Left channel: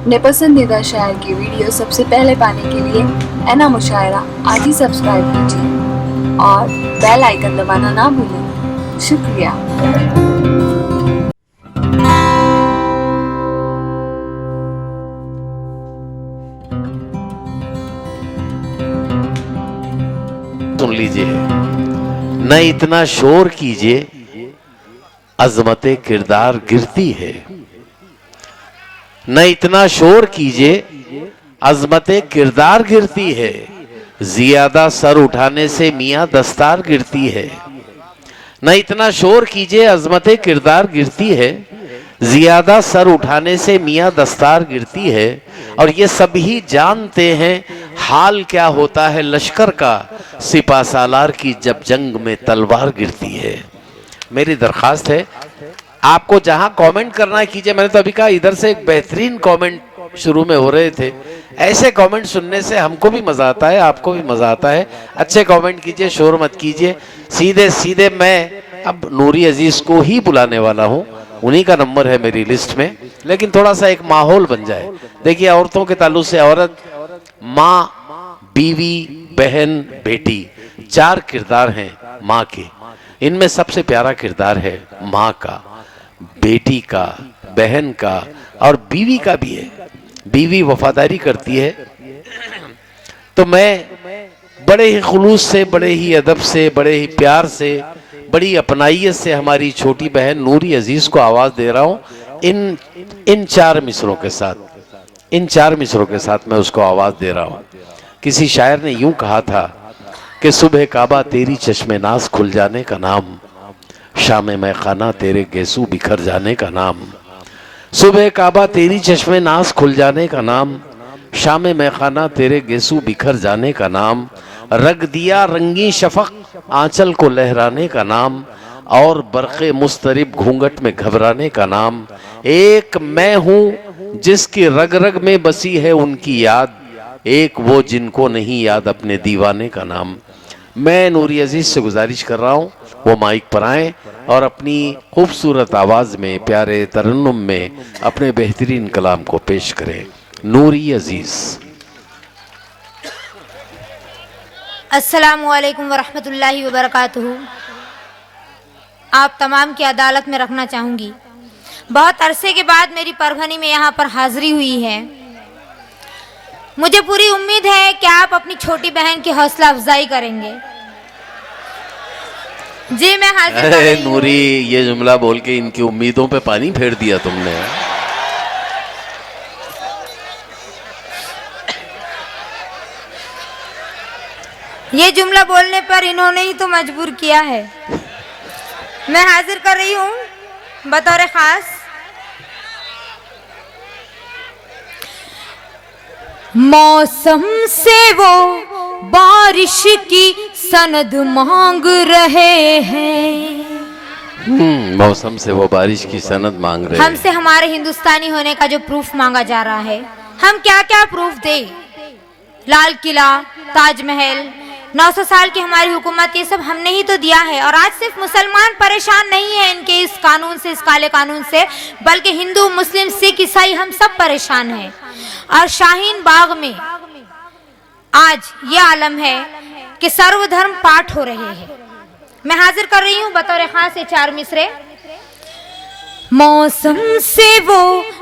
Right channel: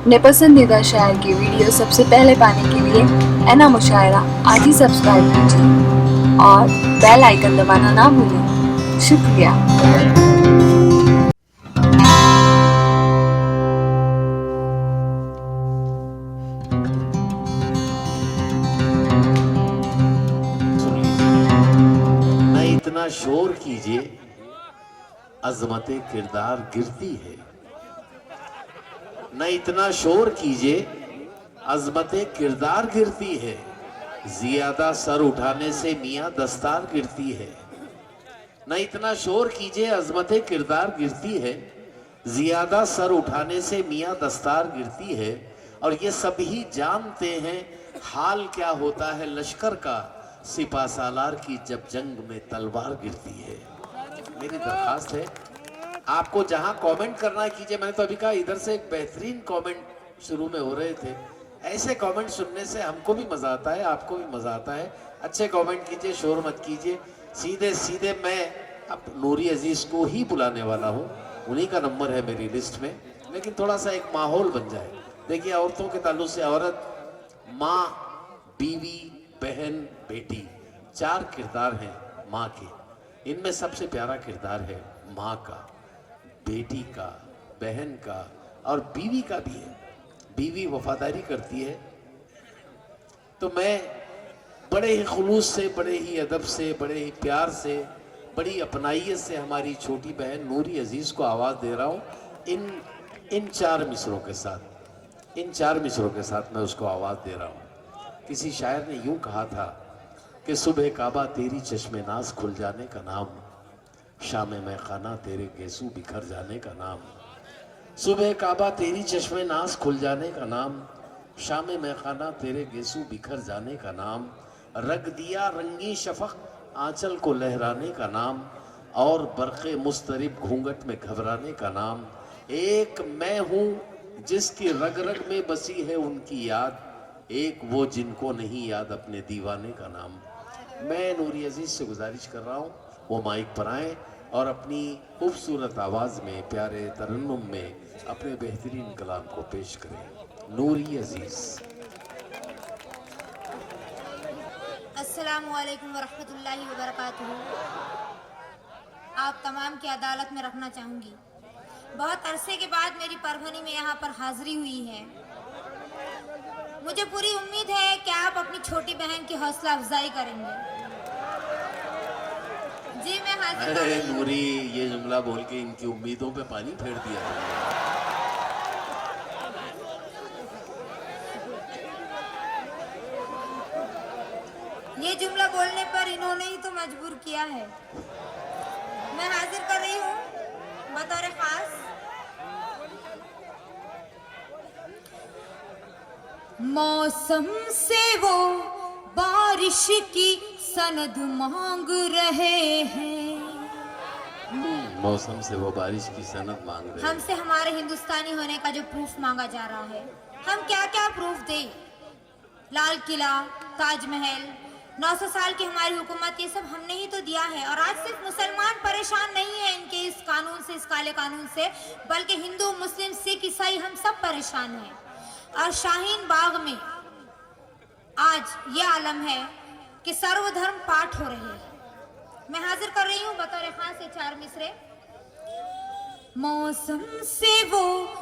अपने पसंदीदा शायर की वीडियो सबसे पहले पाने के लिए एना मुशायरा आज ही सब्सक्राइब कीजिए और बेल आइकन दबाना ना भूलें। शुक्रिया। सुन लीजिए, न इतना शोर कीजिए, अजमते किरदार गिरती है। न इतना शोर कीजिए, अजमते किरदार गिरती है। जियादा सर उठाने से मियां दस्तार गिरती है। न इतना शोर कीजिए, अजमते किरदार गिरती है। जियादा सर उठाने से मियां दस्तार गिरती है। और ये सभी जानते हैं हाल क्या होता है लश्कर का, सिपा सालार की जब जंग में तलवार गिरती है। मेरी दरखास्त है, आपको जहां कमेंट करना है कीजिए। मैंने तो अभी कहा इधर से एक बेहतरीन कमेंट शुरू में हो रहे थे। ऐसे कमेंट सुनने से हमको भी मजा आता है, आपको भी मजा आता है। अच्छे कमेंट कीजिए, शोर मत कीजिए। सीधे सीधे मैं अब नूरी अजीज को ही बुलाने वाला हूं, उन्हीं का नंबर है मेरी लिस्ट में। लेकिन थोड़ा सा एक माहौल बन जाए। देखिए, औरतों के ताल्लुक से औरत, माँ, बीवी, बहन, बेटी, 4 किरदार हैं माँ के। इनमें सबसे प्यारा किरदार है माँ का, बेटी का, बहन का और बीवी का भी है। बीवी वफादारी करती है तो मैं बड़े ही खुलूस से, बड़े ही अदब से, बड़े ही प्यार से, बड़ी अपनाइयत से हमारी छोटी बहन नूरी अजीज को आवाज दे रहा हूं। इन 4 मिसरों के साथ, इन 4 मिसरों के साथ मैं उसको आवाज दे रहा हूं। किसी शायर ने यूं कहा था कि सुबह काबा तेरी चश्मे नाज खुल जाने का नाम, शाम में खाना तेरे गेसू बिखर जाने का नाम। सुबह काबा तेरी चश्मे नाज खुल जाने का नाम, शाम में खाना तेरे गेसू बिखर जाने का नाम। रग दिया रंगी शफक आंचल को लहराने का नाम, और बरक़े मुस्तरिब घूंघट में घबराने का नाम। एक मैं हूं जिसकी रग रग में बसी है उनकी याद, एक वो जिनको नहीं याद अपने दीवाने का नाम। मैं नूरी अजीज से गुजारिश कर रहा हूं वो माइक पर आए और अपनी खूबसूरत आवाज में, प्यारे तरन्नुम में अपने बेहतरीन कलाम को पेश करें। नूरी अजीज। अस्सलामु अलैकुम वरहमतुल्लाहि वबरकातुहू। आप तमाम की अदालत में रखना चाहूँगी। बहुत अरसे के बाद मेरी परभनी में यहाँ पर हाजिरी हुई है। मुझे पूरी उम्मीद है कि आप अपनी छोटी बहन की हौसला अफजाई करेंगे। जी मैं हाजिर। अरे नूरी, ये जुमला बोल के इनकी उम्मीदों पे पानी फेर दिया तुमने। ये जुमला बोलने पर इन्होंने ही तो मजबूर किया है। मैं हाजिर कर रही हूँ बतौर खास मौसम से वो बारिश की सनद मांग रहे हैं। मौसम से वो बारिश की सनद मांग रहे हैं। हमसे हमारे हिंदुस्तानी होने का जो प्रूफ मांगा जा रहा है, हम क्या क्या प्रूफ दें? लाल किला, ताजमहल, 900 साल की हमारी हुकूमत, ये सब हमने ही तो दिया है। और आज सिर्फ मुसलमान परेशान नहीं है इनके इस कानून से, इस काले कानून से, बल्कि हिंदू, मुस्लिम, सिख, ईसाई, हम सब परेशान हैं। और शाहीन बाग में आज ये आलम है कि सर्वधर्म पाठ हो रहे हैं। मैं हाजिर कर रही हूँ बतौर खास ये 4 मिसरे। मौसम से वो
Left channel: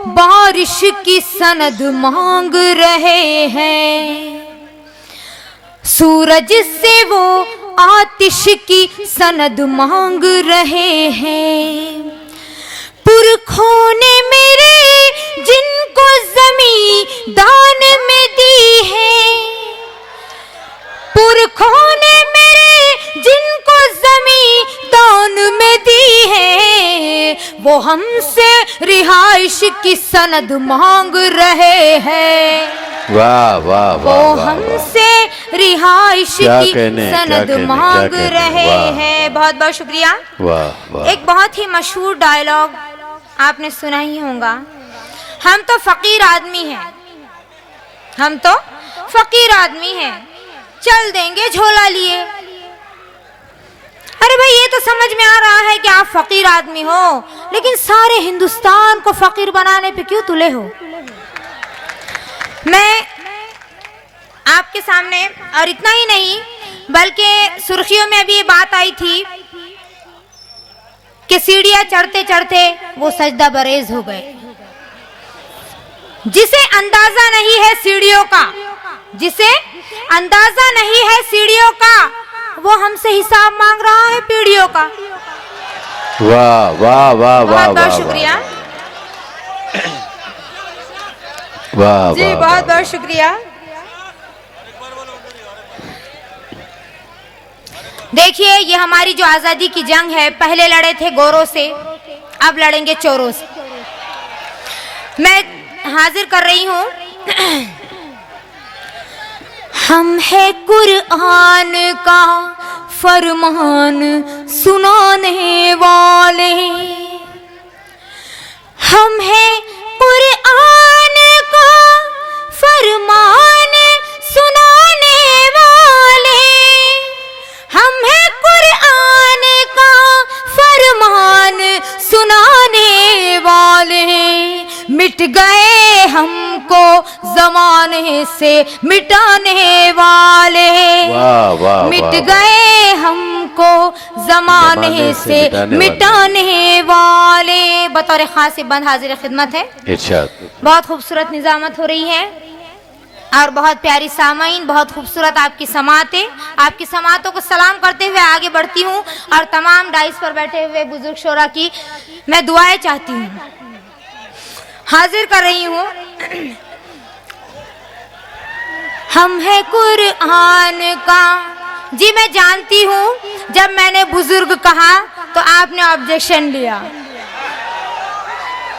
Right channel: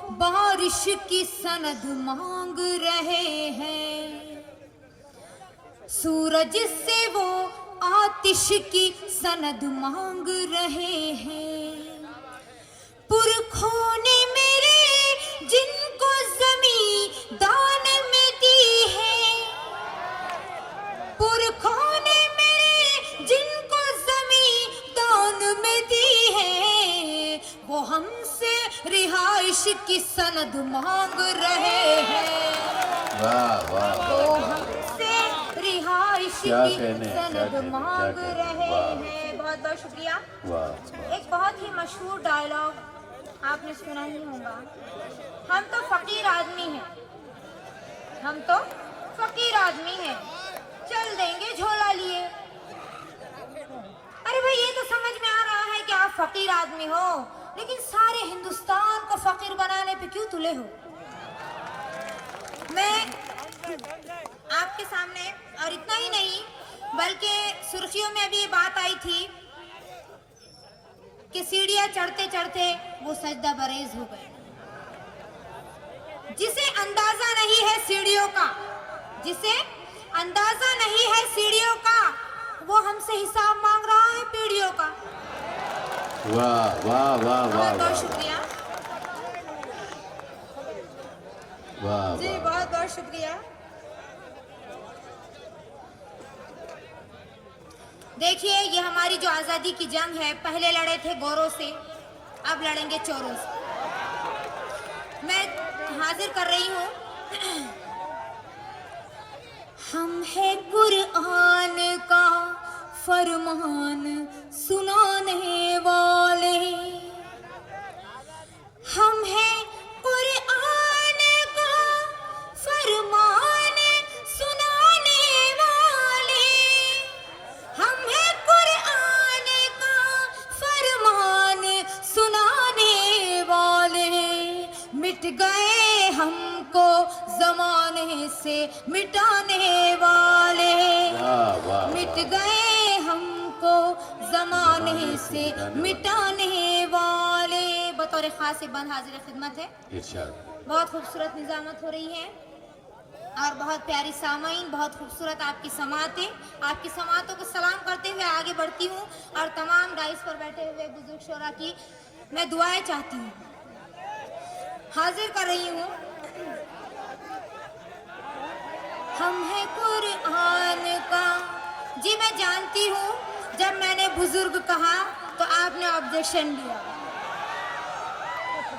बारिश की सनद मांग रहे हैं, सूरज से वो आतिश की सनद मांग रहे हैं। पुरखों ने मेरे जिनको ज़मीं दान में दी है, पुरखों ने मेरे जिनको ज़मीं दान में दी है, वो हमसे रिहाइश की सनद मांग रहे हैं। वाह वाह वो हमसे रिहाइश की सनद मांग रहे हैं। बहुत बहुत शुक्रिया। वाह वाह। एक बहुत ही मशहूर डायलॉग आपने सुना ही होगा, हम तो फकीर आदमी हैं, हम तो फकीर आदमी हैं, चल देंगे झोला लिए। अरे भाई, ये तो समझ में आ रहा है कि आप फकीर आदमी हो, लेकिन सारे हिंदुस्तान को फकीर बनाने पे क्यों तुले हो? मैं आपके सामने, और इतना ही नहीं बल्कि सुर्खियों में अभी ये बात आई थी कि सीढ़ियां चढ़ते चढ़ते वो सजदा बरेज हो गए। जिसे अंदाजा नहीं है सीढ़ियों का, जिसे अंदाजा नहीं है सीढ़ियों का, वो हमसे हिसाब मांग रहा है पीढ़ियों का। वाह वाह वाह वाह, बहुत बहुत शुक्रिया वाह जी, बहुत बहुत शुक्रिया। देखिए, ये हमारी जो आजादी की जंग है, पहले लड़े थे गोरों से, अब लड़ेंगे चोरों से। मैं हाजिर कर रही हूं हम है कुरान का फरमान सुनाने वाले, हम है कुरान का फरमान सुनाने वाले, हम है कुरान का फरमान सुनाने वाले। मिट गए हमको जमाने से मिटाने वाले, वाह वाह, मिट गए हमको जमाने से मिटाने वाले। बतौर खास बंद हाजिर खिदमत है। इरशाद। बहुत खूबसूरत निजामत हो रही है और बहुत प्यारी सामाइन, बहुत खूबसूरत आपकी समातें। आपकी समातों को सलाम करते हुए आगे बढ़ती हूँ और तमाम डाइस पर बैठे हुए बुजुर्ग शोरा की मैं दुआएं चाहती हूँ, हाजिर कर रही हूँ। हम है कुरान का। जी, मैं जानती हूँ जब मैंने बुजुर्ग कहा तो आपने ऑब्जेक्शन लिया।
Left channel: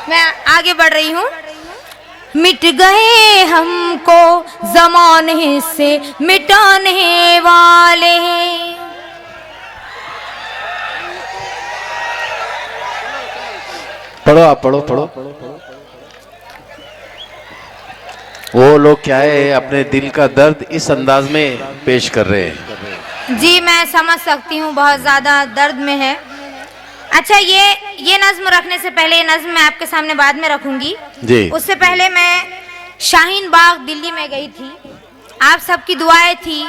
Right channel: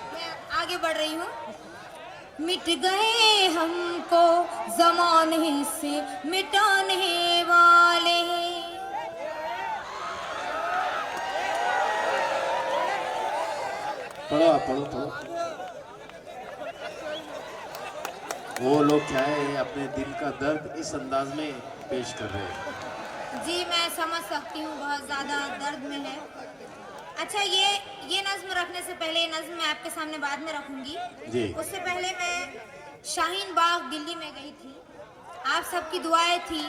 मैं आगे बढ़ रही हूँ। मिट गए हमको जमाने से मिटाने वाले, पढ़ो आप, पढ़ो पढ़ो। वो लोग क्या है, अपने दिल का दर्द इस अंदाज में पेश कर रहे हैं। जी, मैं समझ सकती हूँ, बहुत ज़्यादा दर्द में है। अच्छा, ये नज्म रखने से पहले, ये नज्म मैं आपके सामने बाद में रखूंगी जी। उससे पहले मैं शाहीन बाग दिल्ली में गई थी। आप सबकी दुआएं थी,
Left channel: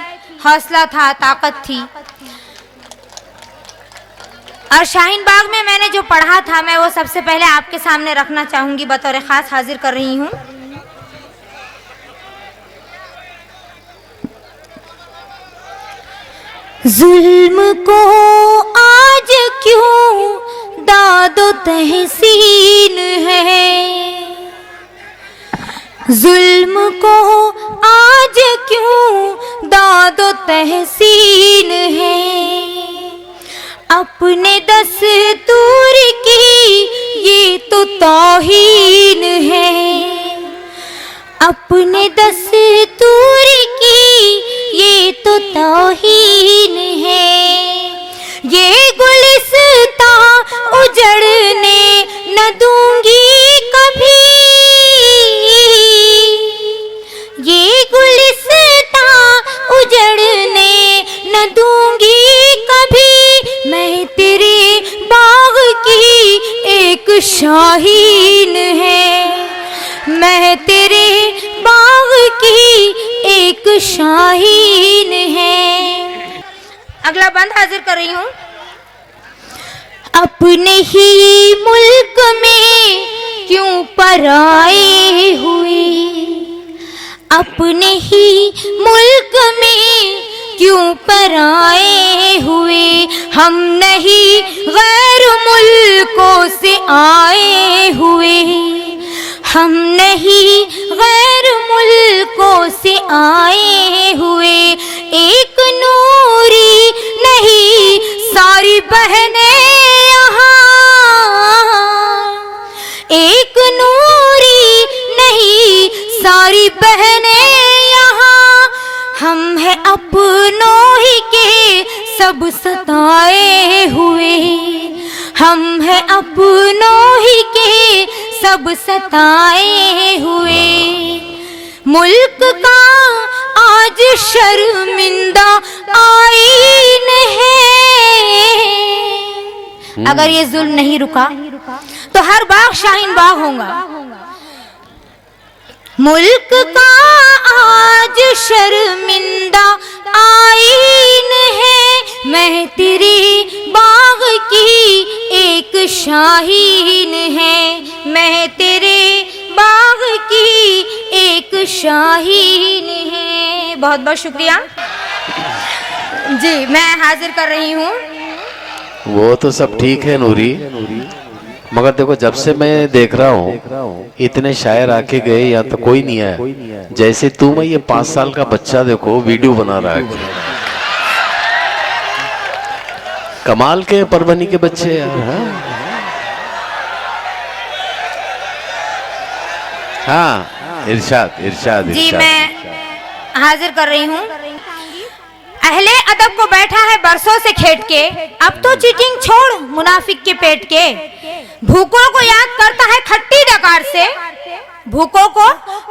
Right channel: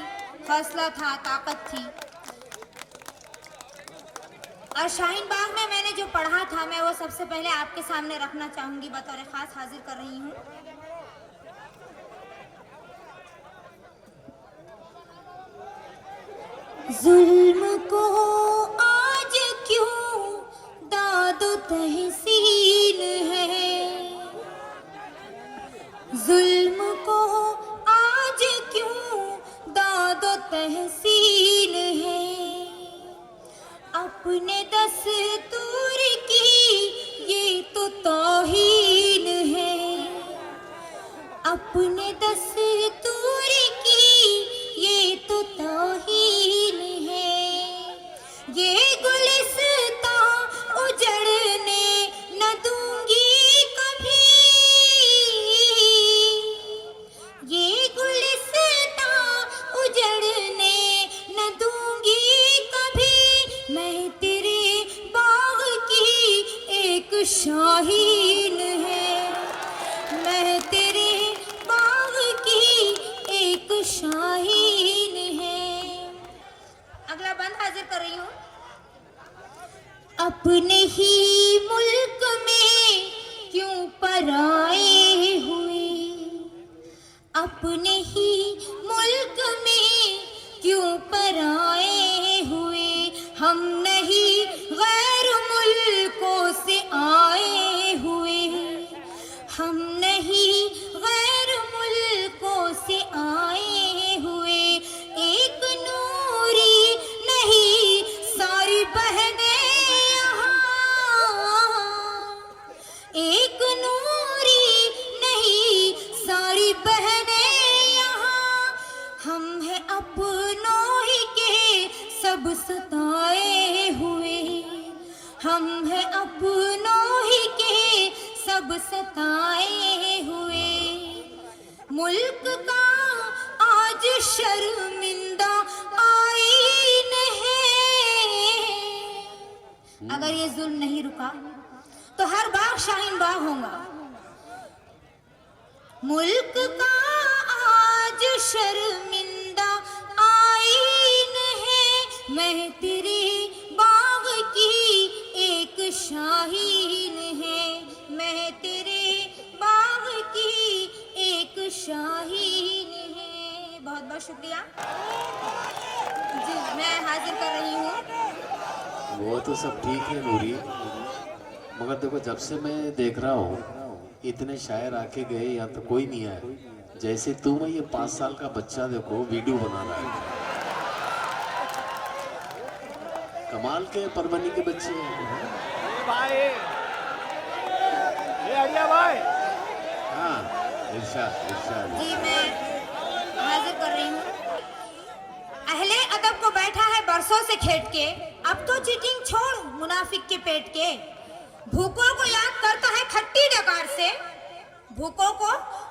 हौसला था, ताकत थी। और शाहीन बाग में मैंने जो पढ़ा था, मैं वो सबसे पहले आपके सामने रखना चाहूंगी, बतौर खास हाजिर कर रही हूँ। जुल्म को आज क्यों दादो तहसीन है, जुल्म को आज क्यों दादो तहसीन है, अपने दस्तूर की ये तो तौहीन है, अपने दस्तूर की ये तो तौहीन है। ये गुलिस्ता उजड़ने न दूंगी कभी, ये गुलिस्ता उजड़ने न दूंगी कभी। मैं तेरे बाग की एक शाहीन है, मैं तेरे बाग की एक शाहीन है। अगला बंद हाजिर कर रही हूँ। अपने ही मुल्क में क्यों पराए हुए, अपने ही मुल्क में क्यों पराए हुए, हम नहीं गैर मुल्कों से आए हुए, हम नहीं गैर मुल्कों से आए हुए। एक नूरी नहीं सारी बहनें यहाँ, एक नूरी नहीं सारी बहनें यहाँ। हम हैं अपनों ही के सब सताए हुए, हम हैं अपनों ही के सब सताए हुए। मुल्क का आज शर्मिंदा आईन है। अगर ये जुल्म नहीं रुका तो हर बाग शाहीन बाग होगा। मुल्क का आज शर्मिंदा आईन है, मैं तेरे बाग की एक शाहीन है, मैं तेरे बाग की एक शाहीन है। बहुत बहुत शुक्रिया जी, मैं हाजिर कर रही हूँ। वो तो सब ठीक है नूरी, मगर देखो जब से मैं देख रहा हूँ इतने शायर आके गए, यहाँ तो कोई नहीं आया। जैसे तुम ये 5 साल का बच्चा देखो वीडियो बना रहा है, कमाल के परभनी के बच्चे यार। हाँ इरशाद इरशाद जी इरशाद। मैं हाजिर कर रही हूँ। अहले अदब को बैठा है बरसों से खेट के, अब तो चीटिंग छोड़ मुनाफिक के पेट के। भूखों को याद करता है खट्टी डकार से, भूखों को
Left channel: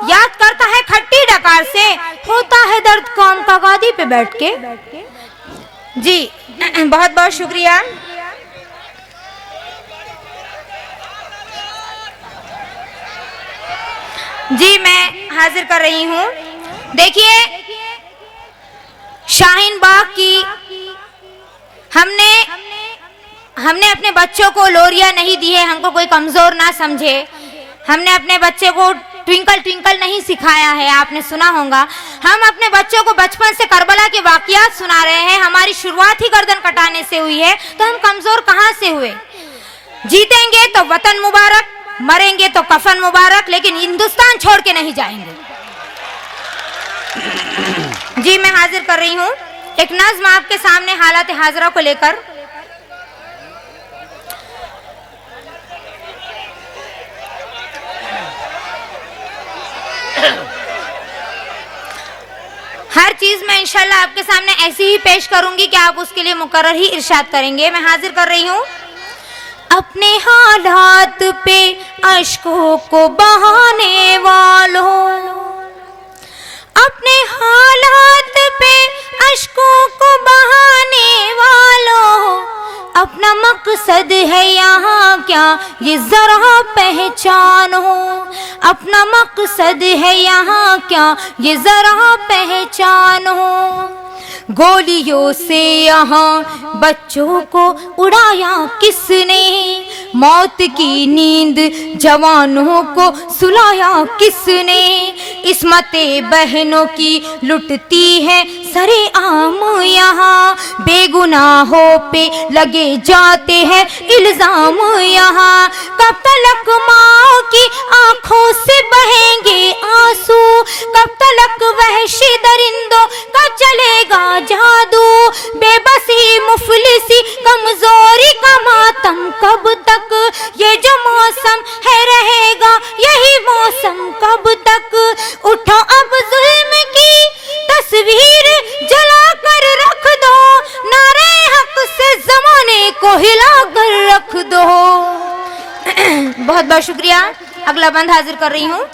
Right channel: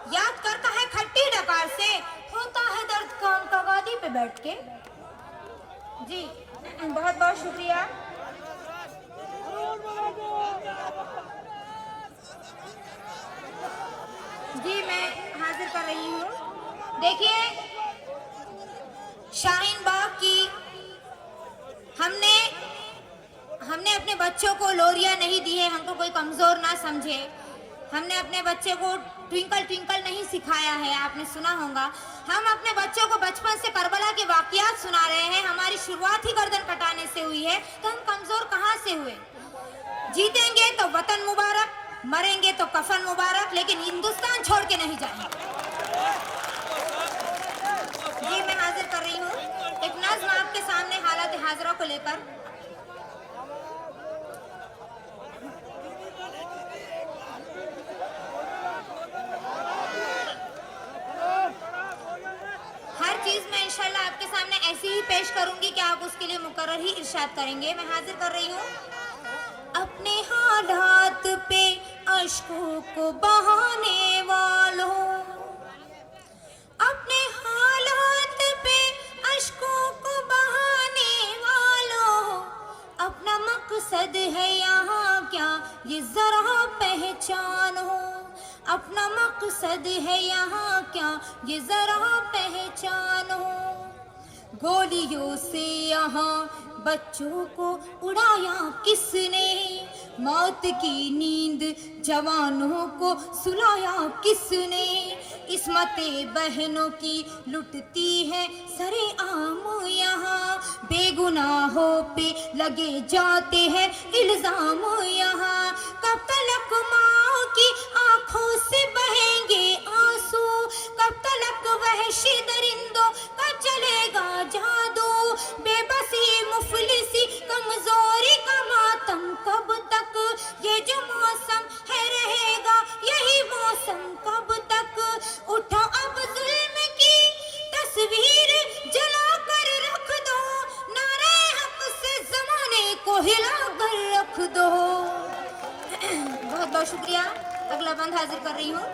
याद करता है खट्टी डकार से, होता है दर्द कौम का गादी पे बैठ के। जी बहुत बहुत शुक्रिया। जी मैं हाजिर कर रही हूँ। देखिए शाहीन बाग की हमने अपने बच्चों को लोरिया नहीं दी है, हमको कोई कमजोर ना समझे। हमने अपने बच्चे को ट्विंकल ट्विंकल नहीं सिखाया है, आपने सुना होगा। हम अपने बच्चों को बचपन से करबला के वाकयात सुना रहे हैं। हमारी शुरुआत ही गर्दन कटाने से हुई है, तो हम कमजोर कहाँ से हुए। जीतेंगे तो वतन मुबारक, मरेंगे तो कफन मुबारक, लेकिन हिंदुस्तान छोड़ के नहीं जाएंगे। जी मैं हाजिर कर रही हूँ एक नज़्म आपके सामने हालात हाजरा को लेकर। हर चीज मैं इंशाल्लाह आपके सामने ऐसी ही पेश करूंगी कि आप उसके लिए मुकर्रर ही इरशाद करेंगे। मैं हाजिर कर रही हूँ। अपने हालात पे अश्कों को बहाने वालों, अपने हालात पे अश्कों को बहाने वालों, अपना मकसद है यहाँ क्या ये जरा पहचानो, अपना मकसद है यहाँ क्या ये जरा पहचानो। गोलियों से यहाँ बच्चों को उड़ाया किसने, मौत की नींद जवानों को सुलाया किसने। इस्मतें बहनों की लुटती है सरे आम यहाँ, बेगुनाहों पे लगे जाते हैं इल्जाम यहाँ। कब तलक माँ की आंखों से बहेंगे आंसू, कब तलक वहशी दरिंदों का चलेगा जादू। बेबसी मुफलिसी कमजोरी का मातम कब तक, ये जो मौसम है रहेगा यही मौसम कब तक। उठो अब जुल्म की तस्वीर जला कर रख दो, नारे हक से जमाने को हिला कर रख दो। बहुत बहुत शुक्रिया। अगला बंद हाजिर कर रही हूँ।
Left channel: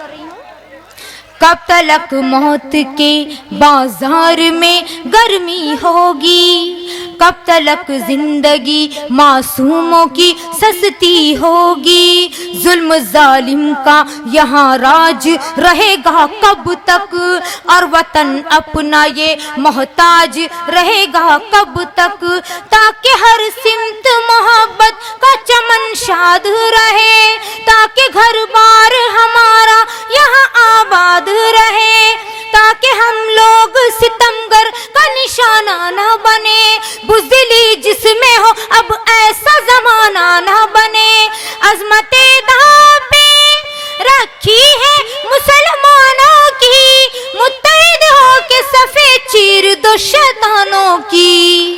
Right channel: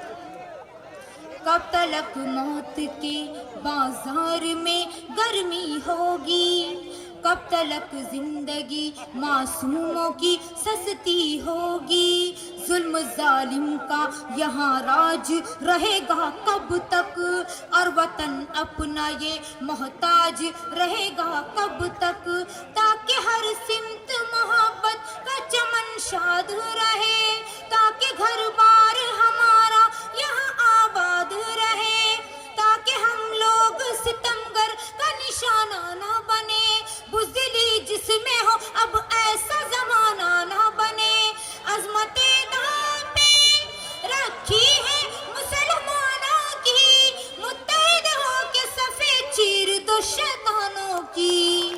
कब तलक मौत के बाजार में गर्मी होगी, कब तलक जिंदगी मासूमों की सस्ती होगी। जुल्म जालिम का यहाँ राज रहेगा कब तक, और वतन अपना ये मोहताज रहेगा कब तक। ताकि हर सिमत मोहब्बत का चमन शाद रहे, ताकि घर बार हमारा यहाँ आबाद रहे, ताकि हम लोग सितमगर का निशाना न बने। बुज़दिली जिसमें हो अब ऐसा जमाना न बने। अज़मते दांव पे रखी है मुसलमानों की, मुत्तहिद हो के सफे चीर दो शैतानों की।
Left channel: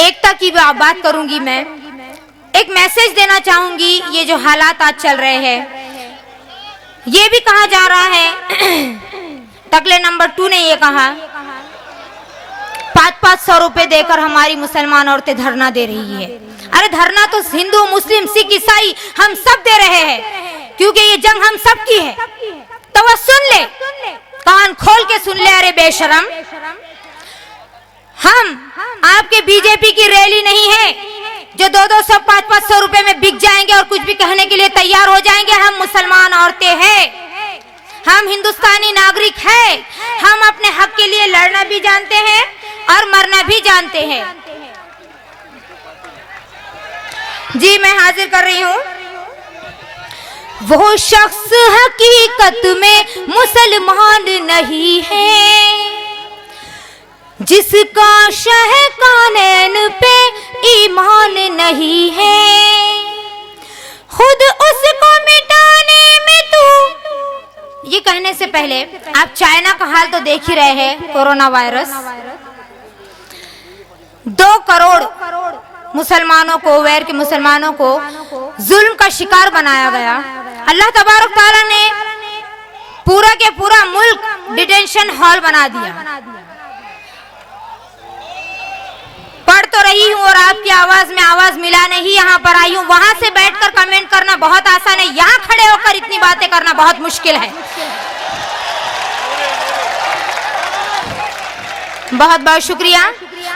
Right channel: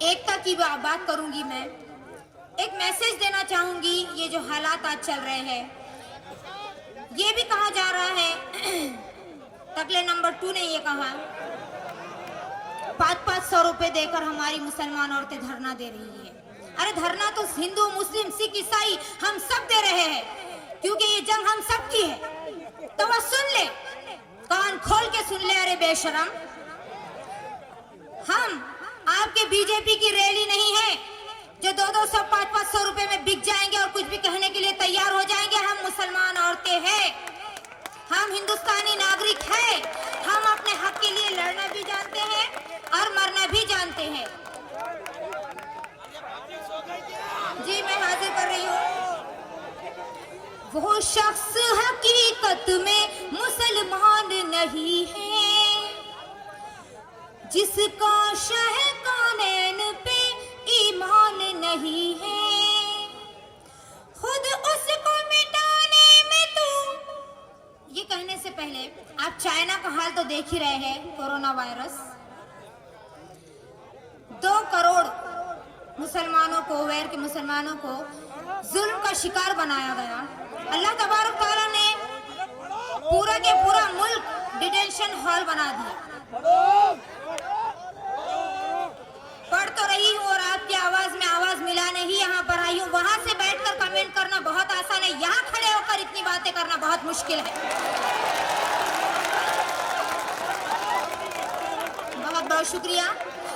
एकता की बात करूंगी मैं, एक मैसेज देना चाहूंगी। ये जो हालात आज चल रहे हैं, ये भी कहा जा रहा है, टकले नंबर 2 ने ये कहा 500-500 रुपए देकर हमारी मुसलमान औरतें धरना दे रही है। अरे धरना तो हिंदू मुस्लिम सिख ईसाई हम सब दे रहे हैं, क्योंकि ये जंग हम सब की है। तो वह सुन ले, कान खोल के सुन ले। अरे बेशरम, हम आपके बीजेपी की रैली नहीं है जो 200-500 रुपए में बिक जाएंगे और कुछ भी कहने के लिए तैयार हो जाएंगे। हम मुसलमान औरतें हैं, हम हिंदुस्तानी नागरिक हैं, हम अपने हक के लिए लड़ना भी जानते हैं और मरना भी जानते हैं। जी मैं हाजिर कर रही हूँ। वो शख्स हकीकत में मुसलमान नहीं है जिसका शह कानैन पे ईमान नहीं है। खुद उसको मिटाने में तू, ये कहने से पहले आप चाइना का हाल तो देख ही रहे हैं। कोरोना वायरस 2 करोड़ मुसलमानों को, वैर के मुसलमानों को जुल्म का शिकार बनाया गया। अल्लाह तबारक ताला ने पूरा के पूरा मुल्क डिटेंशन हॉल बना दिया। पढ़ तो रही हूँ और आपकी आवाज में आवाज मिलाने ही यहाँ पर आई हूँ। वहां से बैठकर कमेंट करना बहुत आसान है, यहाँ खड़े होकर इतनी बातें करना बहुत मुश्किल है। बहुत बहुत शुक्रिया।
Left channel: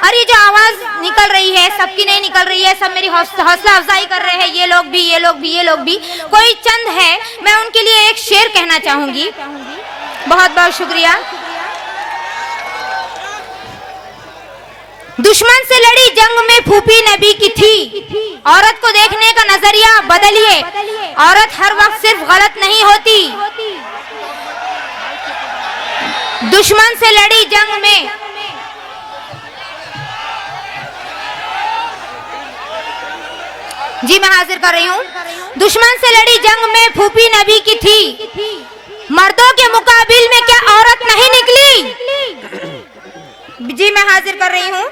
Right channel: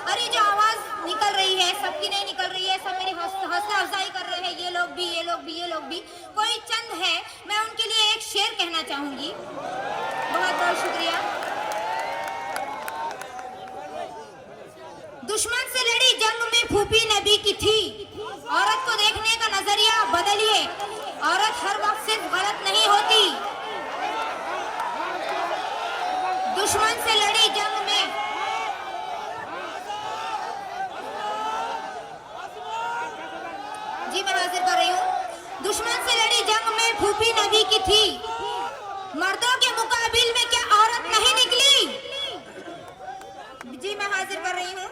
और ये जो आवाज निकल रही है सबकी नहीं निकल रही है, सब मेरी हौसला अफजाई कर रहे हैं। ये लोग भी, ये लोग भी, ये लोग भी, कोई चंद है, मैं उनके लिए एक शेर कहना चाहूंगी। बहुत बहुत शुक्रिया। दुश्मन से लड़ी जंग में फूफी नबी की थी। औरत को देखने का नजरिया बदलिए, औरत हर वक्त सिर्फ गलत नहीं होती। दुश्मन से लड़ी जंग में, जी मैं हाजिर कर रही हूँ। दुश्मन से लड़ी जंग में फूफी नबी की थी, मर्दों के मुकाबिल में क्या औरत नहीं निकली? जी मैं हाजिर कर रही हूँ।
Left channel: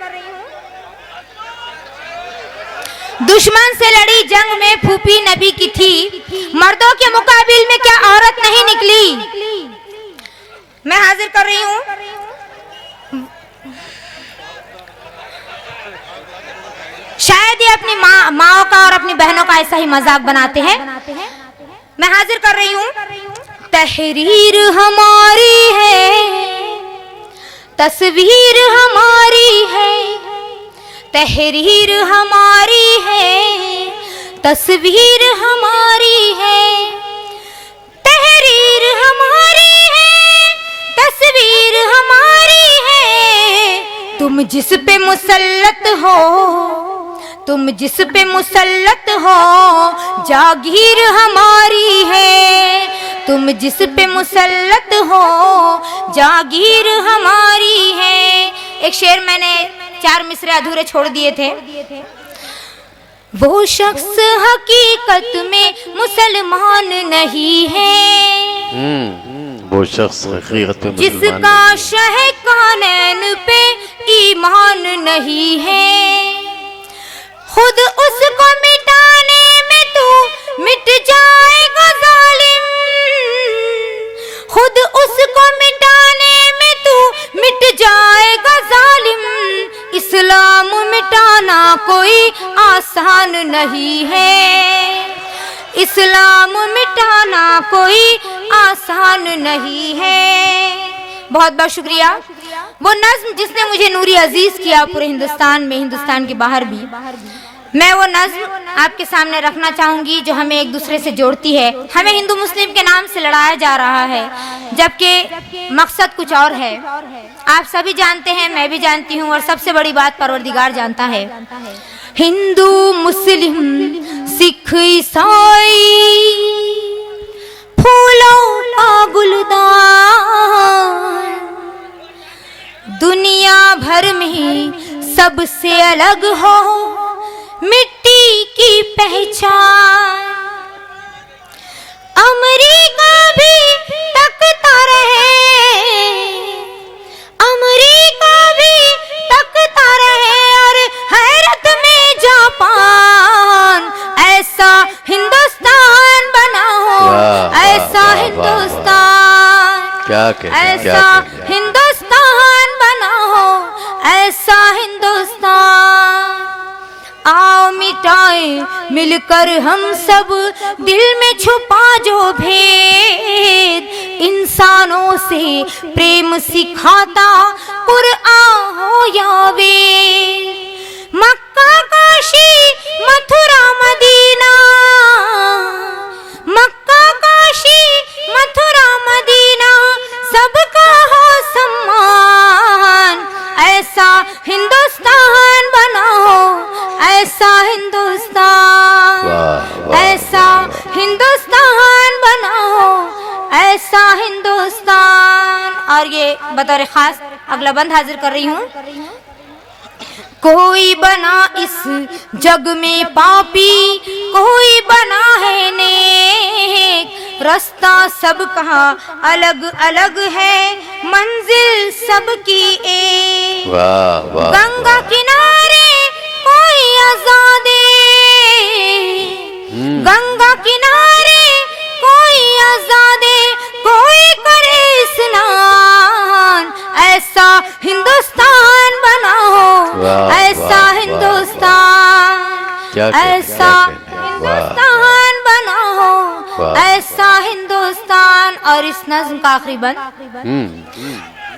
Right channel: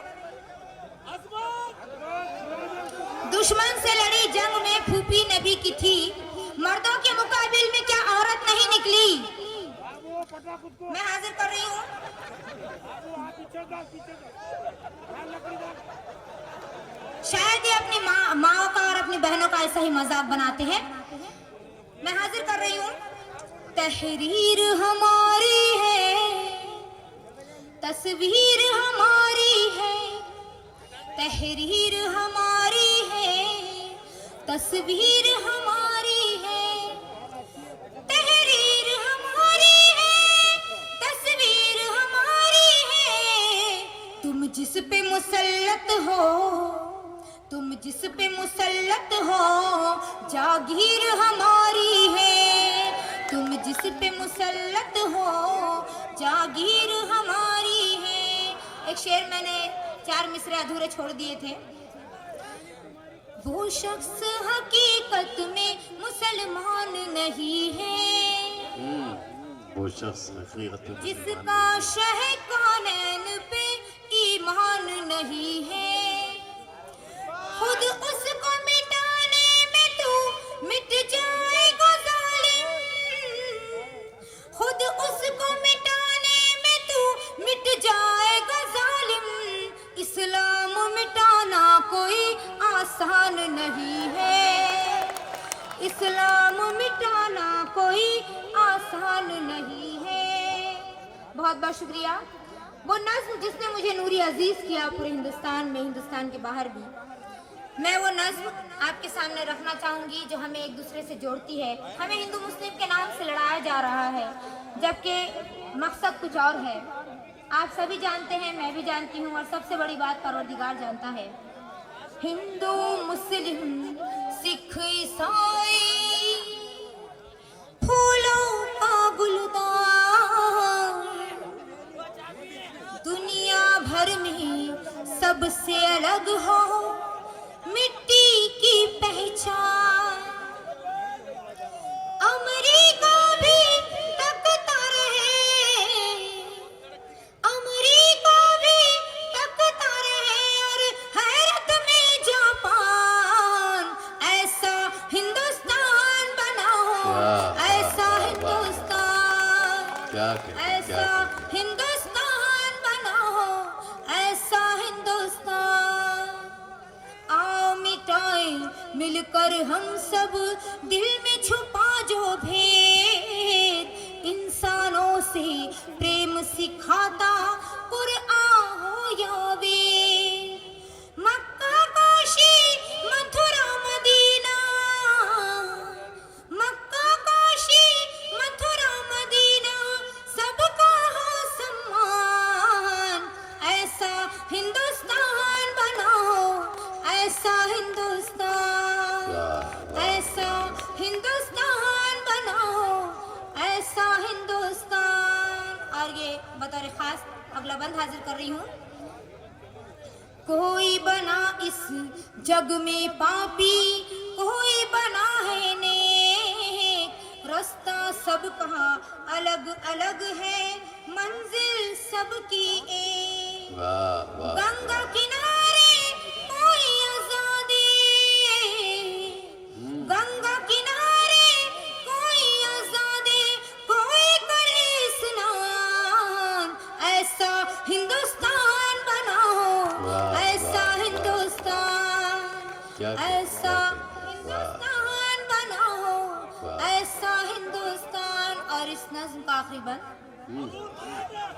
दुश्मन से लड़ी जंग में फूफी नबी की थी, मर्दों के मुकाबिल में क्या औरत नहीं निकली? मैं हाजिर कर रही हूँ। शायद ये अपनी माओ का और अपनी बहनों का ऐसा ही मजाक बनाते हैं। मैं हाजिर कर रही हूँ। तहरीर हमारी है, तस्वीर हमारी है, तहरीर हमारी है, तस्वीर हमारी है, तहरीर हमारी है, तस्वीर हमारी है। तुम जिस पे मुसल्लत हो, तुम जिस पे मुसल्लत हो, जागीर हमारी है। तुम जिस पे मुसल्लत हो, जागीर हमारी है। एक शेर मैंने 4 मिसरे अधूरे छोड़ दिए थे। वो शख्स हकीकत में मुसलमान नहीं है, वो शख्स हकीकत में जिसका शह कानैन पे ईमान नहीं है। खुद उसको मिटाने में तू मिट जाएगा जालिम, खुद उसको मिटाने में तू मिट जाएगा जालिम। इस्लाम मिटाना कोई आसान नहीं है, इस्लाम मिटाना कोई आसान नहीं है। बहुत बहुत शुक्रिया। वो नज्म जिसने मुझे नूरी अजीज किया पूरे हिंदुस्तान में, हिंदुस्तान के बाहर भी, मैं वो नज्म आपके सामने रखना चाहूंगी जो हमें एक दूसरे से जोड़ती है। हमें हिंदू मुस्लिम के नाम से लड़ाया जा रहा है जबकि मकसद कुछ और है। आप सभी जानते हैं, मैं भी जानती हूँ, और सबसे बड़ी बात परवरदिगार जानता है। हिंदू मुस्लिम सिख ईसाई फूलों का गुलदान, दुनिया भर में सबसे अलग हो मिट्टी की पहचान। अमेरिका भी तकता रहे, अमेरिका भी तकता रहे, और हैरत में जापान। ऐसा हिंदुस्तान बनाओ, ऐसा हिंदुस्तान, ऐसा हिंदुस्तान बनाओ, ऐसा हिंदुस्तान। आओ मिटाए मिलकर हम सब दिल में छुपा जो भेद, इंसानों से प्रेम सिखाता कुरआन हो या वेद। मक्का काशी मथुरा मदीना, मक्का काशी ऐसा हिंदुस्तान। और ये बतौर खास अगला बंद हाजिर कर रही हूँ। कोई बना इस जग में पापी, कोई बना है नेक, रास्ता सबका अलग अलग है, मंजिल सबकी एक। वाह वाह। गंगा किनारे कोई आजादे, गंगा किनारे कोई आजादे, कोई करे स्नान, ऐसा हिंदुस्तान बनाओ, ऐसा हिंदुस्तान, ऐसा हिंदुस्तान बनाओ, ऐसा हिंदुस्तान। और इस नज्म का आखिरी बंद।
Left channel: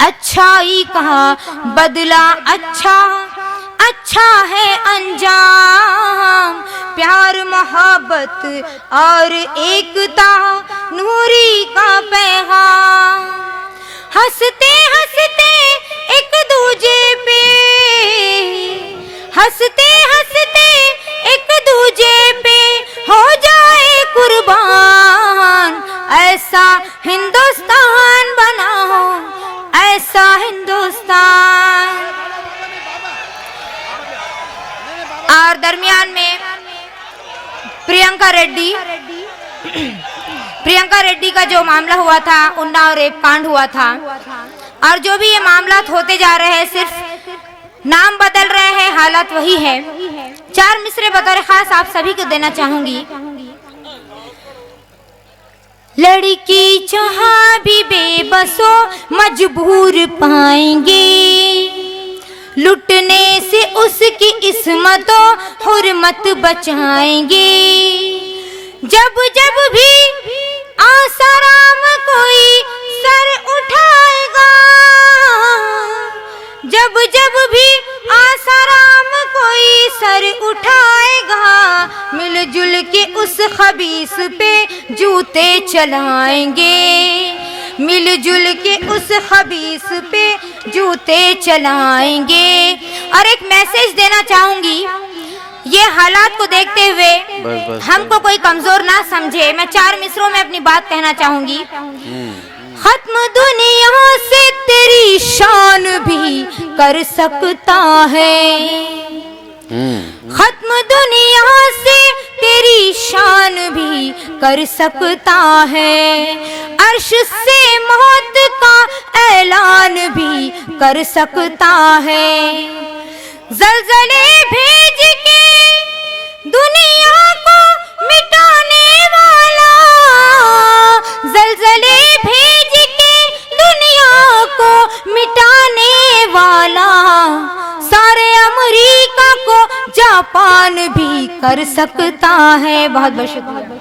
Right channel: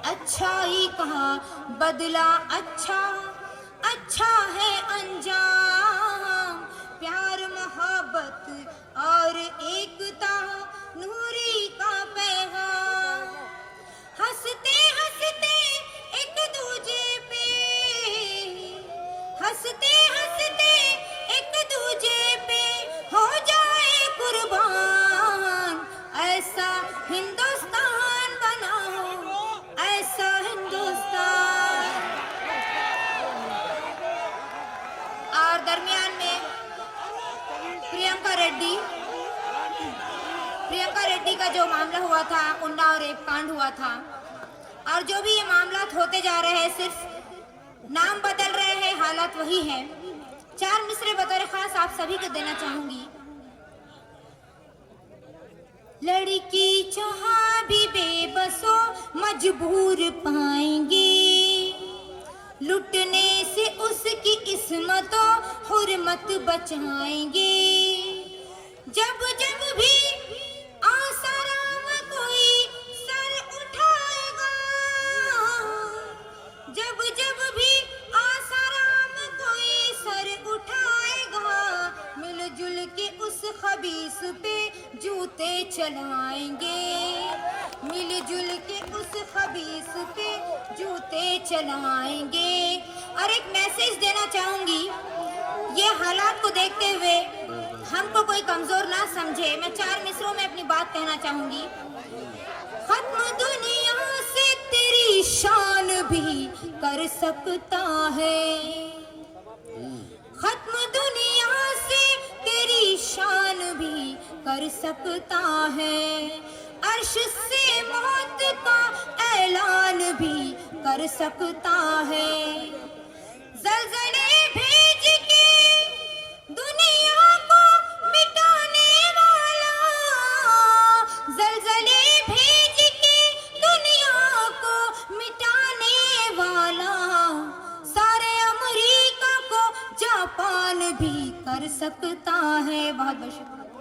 अच्छाई कहा बदला अच्छा, अच्छा है अंजाम, प्यार मोहब्बत और एकता नूरी का पैगाम। हंसते हंसते एक दूजे पे, हंसते हंसते एक दूजे पे हो जाए कुर्बान, ऐसा हिंदुस्तान बनाओ, ऐसा हिंदुस्तान। और दरमियान में प्रियंका रेड्डी का जो मामला हुआ था, उन्नाव रेप कांड हुआ था, और जो भी ये मामला होते जा रहे हैं, सिर्फ नाम बदल रहे हैं, हालात वही है। 4 मिसरे बतौर खास आप सभी को देना चाहूंगी। लड़की जहाँ भी बेबसो मजबूर पाएंगे, लुटने से उसकी इस्मतों हुर्मत बचाएंगे। जब जब भी आसाराम कोई सर उठाएगा, जब जब भी आसाराम कोई सर उठाएगा, मिलजुल के उस खबीस पे जूते चलाएंगे, मिलजुल के उस खबीस पे जूते चलाएंगे। और एक मैसेज देना चाहूंगी, ये हालात को देखते हुए हमको कोई कमजोर ना समझे। मैं 4 मिसरों में अपनी बात कहना चाहूंगी। खत्म दुनिया से तेरी शान भी कर सकता है, खत्म दुनिया से तेरी शान भी कर सकता है, अर्श से मौत का ऐलान भी कर सकता है। ज़लज़ले भेज के दुनिया को मिटाने वाला, ज़लज़ले भेज के दुनिया को मिटाने वाला, सारे अमेरिका को जापान भी कर सकता है। बहुत बहुत शुक्रिया।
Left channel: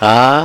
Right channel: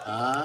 हाँ